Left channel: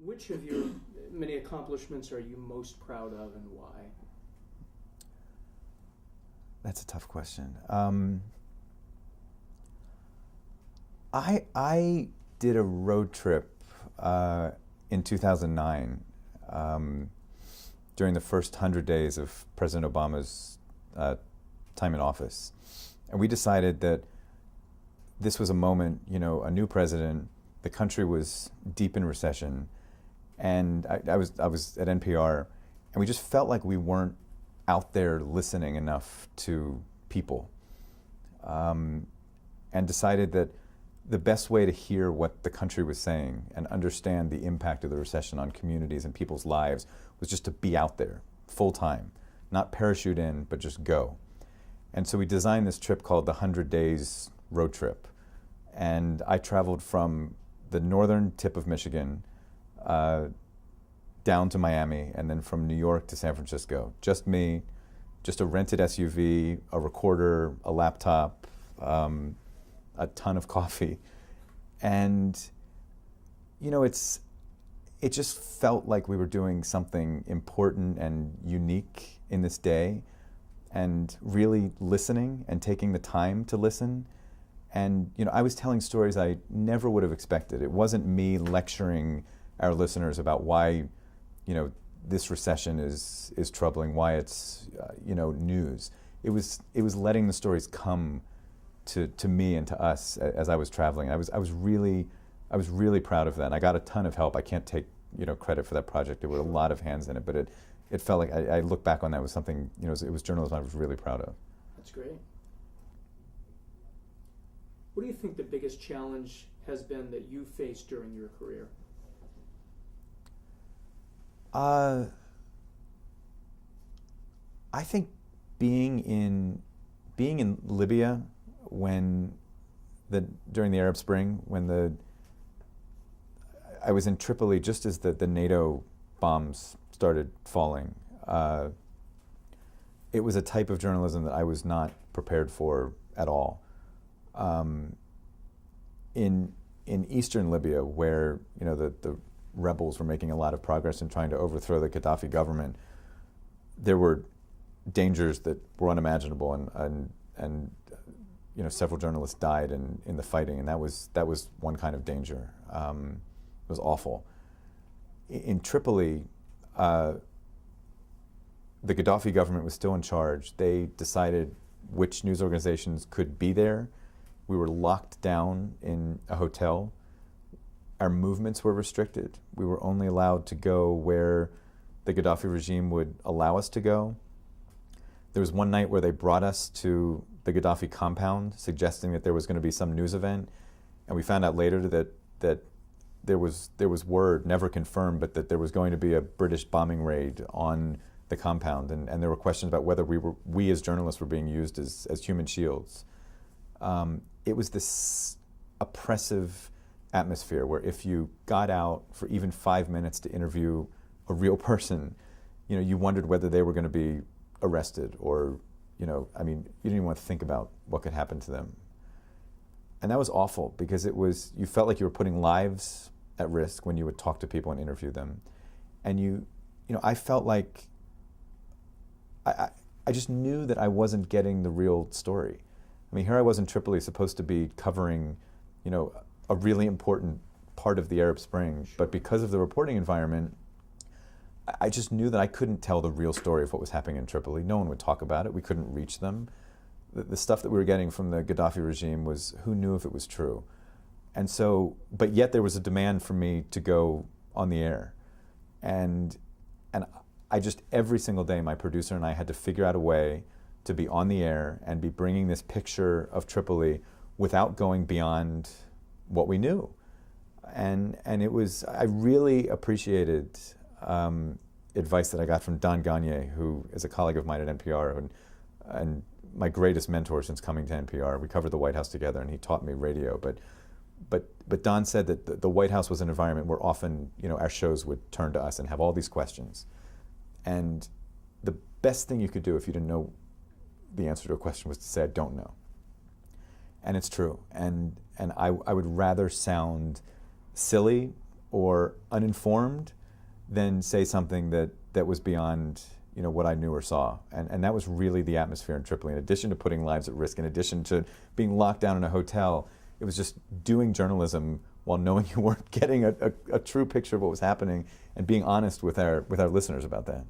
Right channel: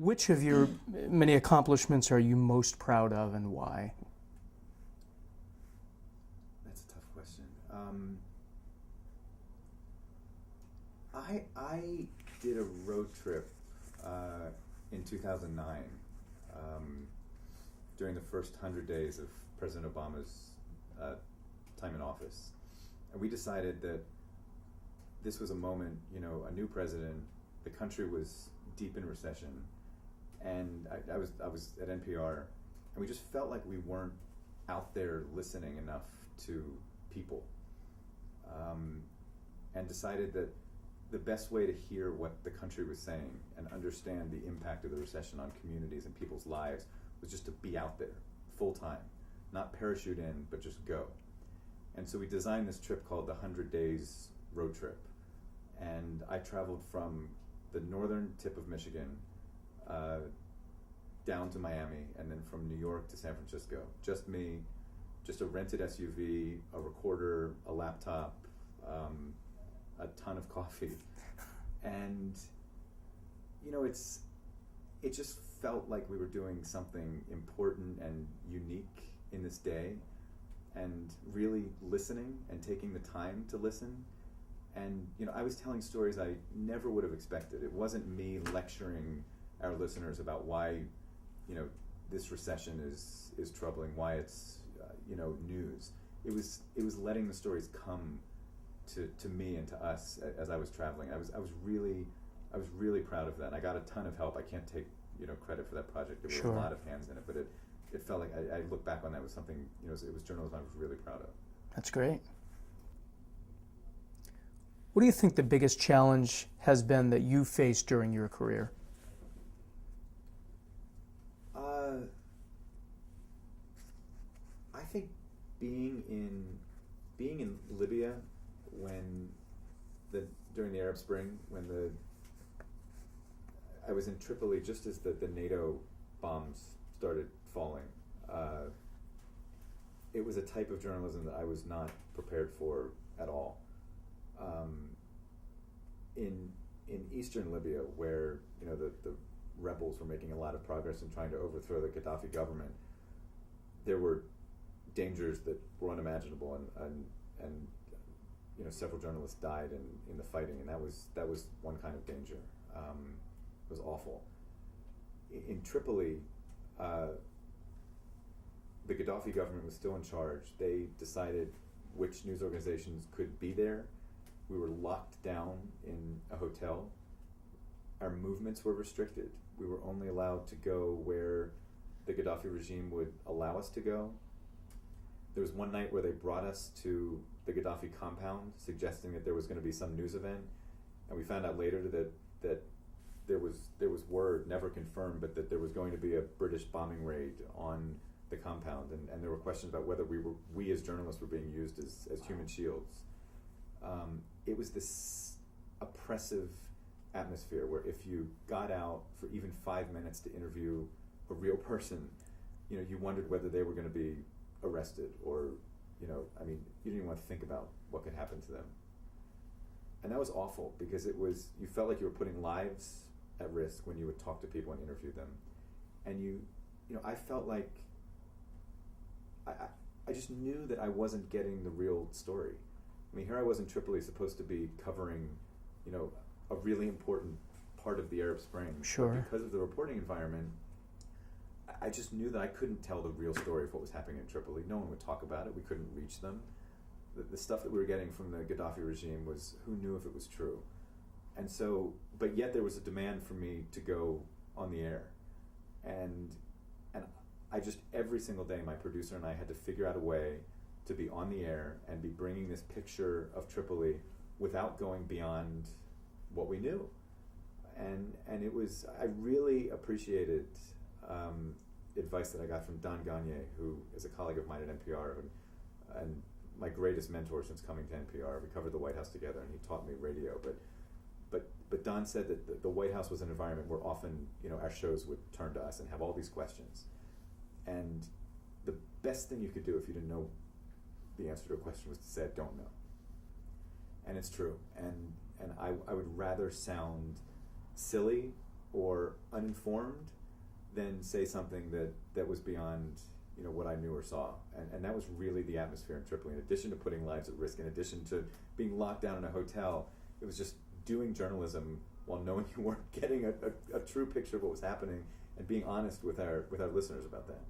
Which of your many accomplishments are you most proud of and why? That's a tough question. I did a road trip in 2009 during the first 100 days of President Obama's time in office. And we decided that this was a moment, a new president, the country was deep in recession, and I was at NPR, and we just felt like we weren't out there listening enough to people, and decided that the best way to hear what the country was saying and understand the impact of the recession on communities and people's lives was just to be out there full time, not parachute in, but just go. And so we designed this trip called the 100 Days Road Trip. And I traveled from the northern tip of Michigan down to Miami, and then from New York to San Francisco. Just me, just a rented SUV, a recorder, a laptop, a ton of coffee. And, it just felt like we were doing something important and unique in this day, and really listening and taking the time to listen. And I was telling stories I never would have expected. It wasn't me lecturing our listeners about why this recession is troubling, why it's news. It was letting the stories come to me and to us as I was traveling. I was really proud of that. And I got a ton of help. I can't take credit for that project. There were Sure. a lot of hands in it, but it felt like I look back on that was something, it was journalism I was really proud of. That's great. What do you think the biggest challenge has been that you faced during your career? I think being in Libya during the Arab Spring, I was in Tripoli just as the NATO bombs started falling. It was a type of journalism that I was not prepared for at all. In eastern Libya, where the rebels were making a lot of progress in trying to overthrow the Gaddafi government, there were dangers that were unimaginable, and several journalists died in the fighting, and that was one kind of danger. It was awful. In Tripoli, the Gaddafi government was still in charge. They decided which news organizations could be there. We were locked down in a hotel. Our movements were restricted. We were only allowed to go where the Gaddafi regime would allow us to go. There was one night where they brought us to the Gaddafi compound, suggesting that there was going to be some news event, and we found out later that there was word, never confirmed, but that there was going to be a British bombing raid on the compound, and there were questions about whether we as journalists were being used as human shields. It was this oppressive atmosphere where if you got out for even 5 minutes to interview a real person, you wondered whether they were going to be arrested, or you didn't even want to think about what could happen to them. And that was awful, because you felt like you were putting lives at risk when you would talk to people and interview them. And I felt like I just knew that I wasn't getting the real story. Here I was in Tripoli, supposed to be covering, a really important part of the Arab Spring. Sure. But because of the reporting environment, I just knew that I couldn't tell the real story of what was happening in Tripoli. No one would talk about it. We couldn't reach them. The stuff that we were getting from the Gaddafi regime was, who knew if it was true? And so, but yet there was a demand for me to go on the air. And I just, every single day, my producer and I had to figure out a way to be on the air and be bringing this picture of Tripoli without going beyond what we knew. And it was, I really appreciated advice that I got from Don Gagne, who is a colleague of mine at NPR, and my greatest mentor since coming to NPR. We covered the White House together, and he taught me radio. But Don said that the White House was an environment where often our shows would turn to us and have all these questions. And the best thing you could do if you didn't know the answer to a question was to say, I don't know. And it's true. And I would rather sound silly or uninformed than say something that was beyond what I knew or saw. And that was really the atmosphere in Tripoli. In addition to putting lives at risk, in addition to being locked down in a hotel, it was just doing journalism while knowing you weren't getting a true picture of what was happening and being honest with our listeners about that.